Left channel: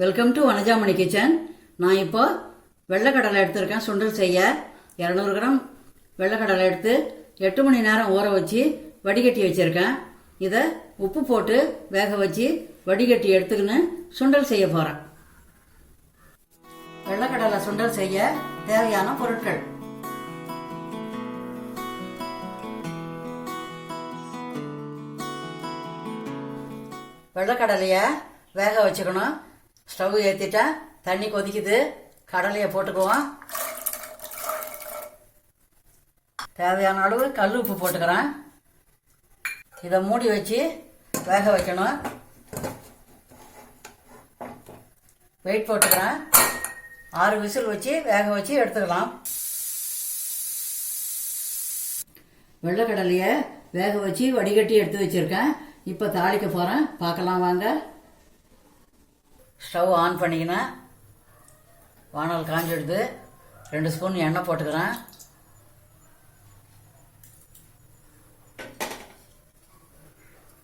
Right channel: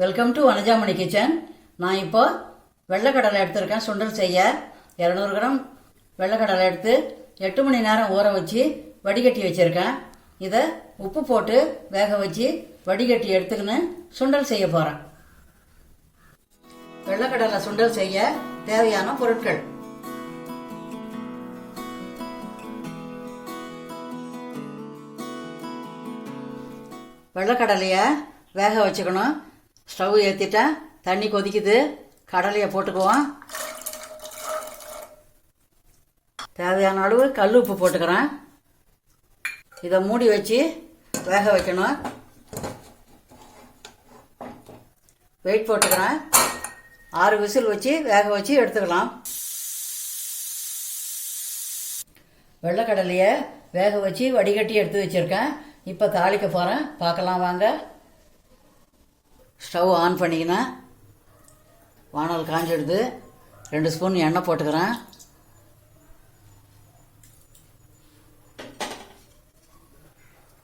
Welcome to Vanajamani kitchen நான் இப்போ வெள்ளைக்கடலை எடுத்திருக்கேன். சுண்டல் செய்ய இரநூறு கிராம். வெள்ளைக்கடலை எடுத்து எட்டு மணி நேரம் ஊற வச்சு வடிகட்டி வச்சுருக்கேன். இதை உப்பு போட்டு வேக வச்சு வடிகட்டி எடுத்துக்கின்னு சுண்டல் செய்ய போகிறேன் வெள்ளைக்கடலை சுண்டல் செய்ய தேவையான பொருட்கள். வெள்ளைக்கடலையை வேக வச்சுக்கணும். ஸ்டவ் ஏற்றிட்டேன் தண்ணி கொதிக்குது. கடலையை போட்டுக்குவோம். தேவையான அளவு கல் உப்பு போட்டுக்கிறேன். இதை மூடி வச்சு வேக வைக்கணும். வெயிட் போட்டுக்கிறேன். ஆறு விசில் வச்சு வேக வச்சு எடுத்துக்கலாம். வெள்ளைக்கடலையை வேக வச்சு வடிகட்டி எடுத்து வச்சுருக்கேன். இப்போ தாளிக்க போகிறேன் பார்க்கலாம் வாங்க. ஸ்டவ் ஆன் பண்ணிக்கினேன் வானல் காஞ்சிடுது. ரெண்டு ஸ்பூன் எண்ணெய் போட்டுக்கிறேன்.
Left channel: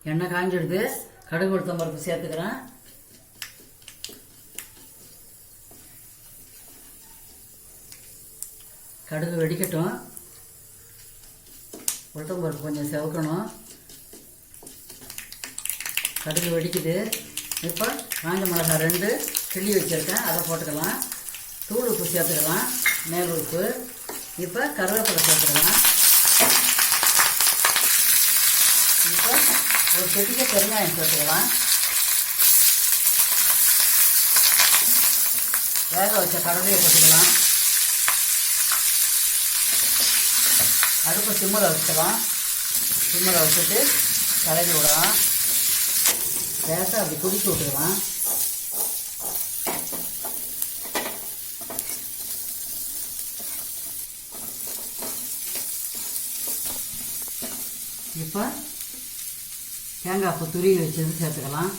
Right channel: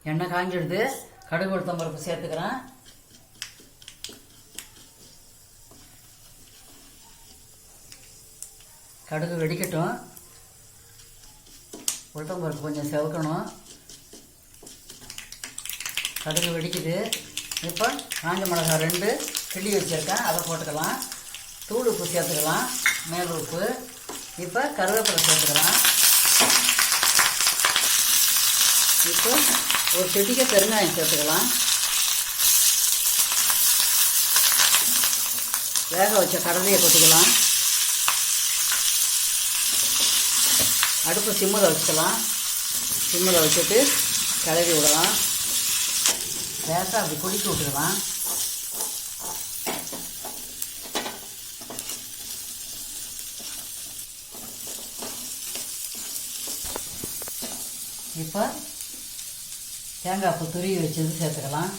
எண்ணெய் காஞ்சிடுது. கடுகு உளுத்தம் பருப்பு சேர்த்துக்கிறேன். கடுகு வெடிக்கட்டும். உளுத்தம் பருப்பு கொஞ்சம் செவக்கணும். கடுகு வெடிக்குது. இப்போ காஞ்ச மிளகாய் ரெண்டு கிள்ளி வச்சுருக்கேன். அதை போட்டுக்கலாம். தூள் உப்பு சேர்த்துக்கலாம். மேல் உப்பு. இப்போ கருவேப்பிலை சேர்த்துக்கலாம். இப்போ ஒரு செடிக்க பெருங்காயம் சேர்த்துக்கலாம். வேக வச்ச கடலையை போட்டுக்கலாம். அடுப்பு சிம்மில் வச்சுக்கலாம். சிம்மில் வச்சுட்டு கிளறி விடலாம். லேசாக அப்படி கொதிக்க விட்டுக்கலாம் இப்போ தேங்காய் பூ துருவி வச்சது சேர்த்துக்கலாம்.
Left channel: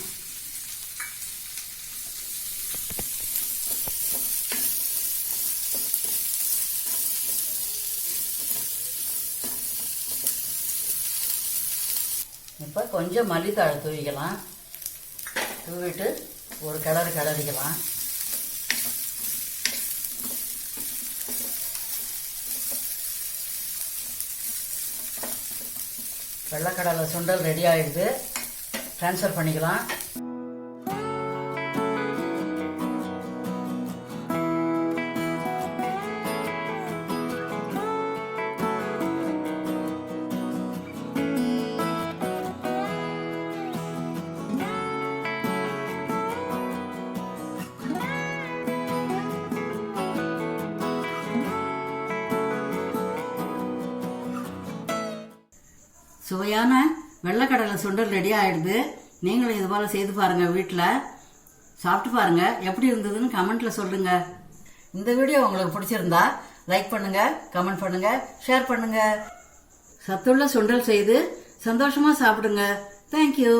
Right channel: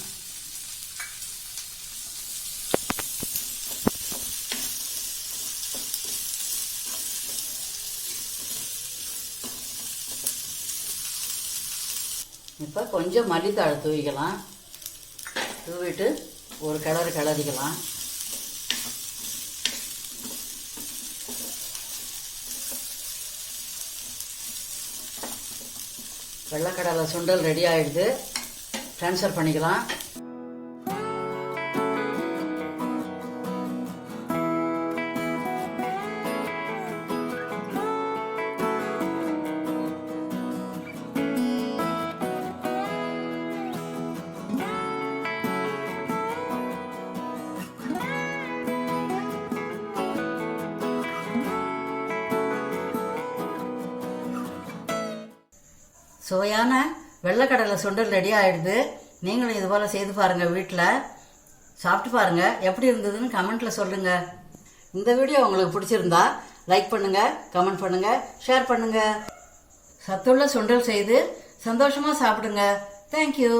இப்போ கொஞ்சம் மல்லித்தாழை துருவிக்கலாம். தூவிட்டு ஒரு கிளறு கிளறிக்கலாம் வெள்ளக்கடலை சுண்டல் ரெடி ஆயிடுது. ட்ரான்ஸ்ஃபர் பண்ணிக்கலாம். சுவையான வெள்ளைக்கடலை சுண்டல் ரெடி ஆயிடுது. நீங்களும் இது போல் செய்து பாருங்கள் வீட்டில் சாப்பிட்டு பாருங்கள் எப்படி இருந்ததுன்னு கமெண்ட்டில் சொல்லுங்கள் இந்த வீடியோ உங்களுக்கு பிடிச்சிருந்தா லைக் பண்ணுங்கள் கமெண்ட் பண்ணுங்கள் ஷேர் பண்ணுங்கள் சத்துள்ள சுண்டல் செய்து சந்தோஷமாக சாப்பிடுங்க. தேங்க்யூ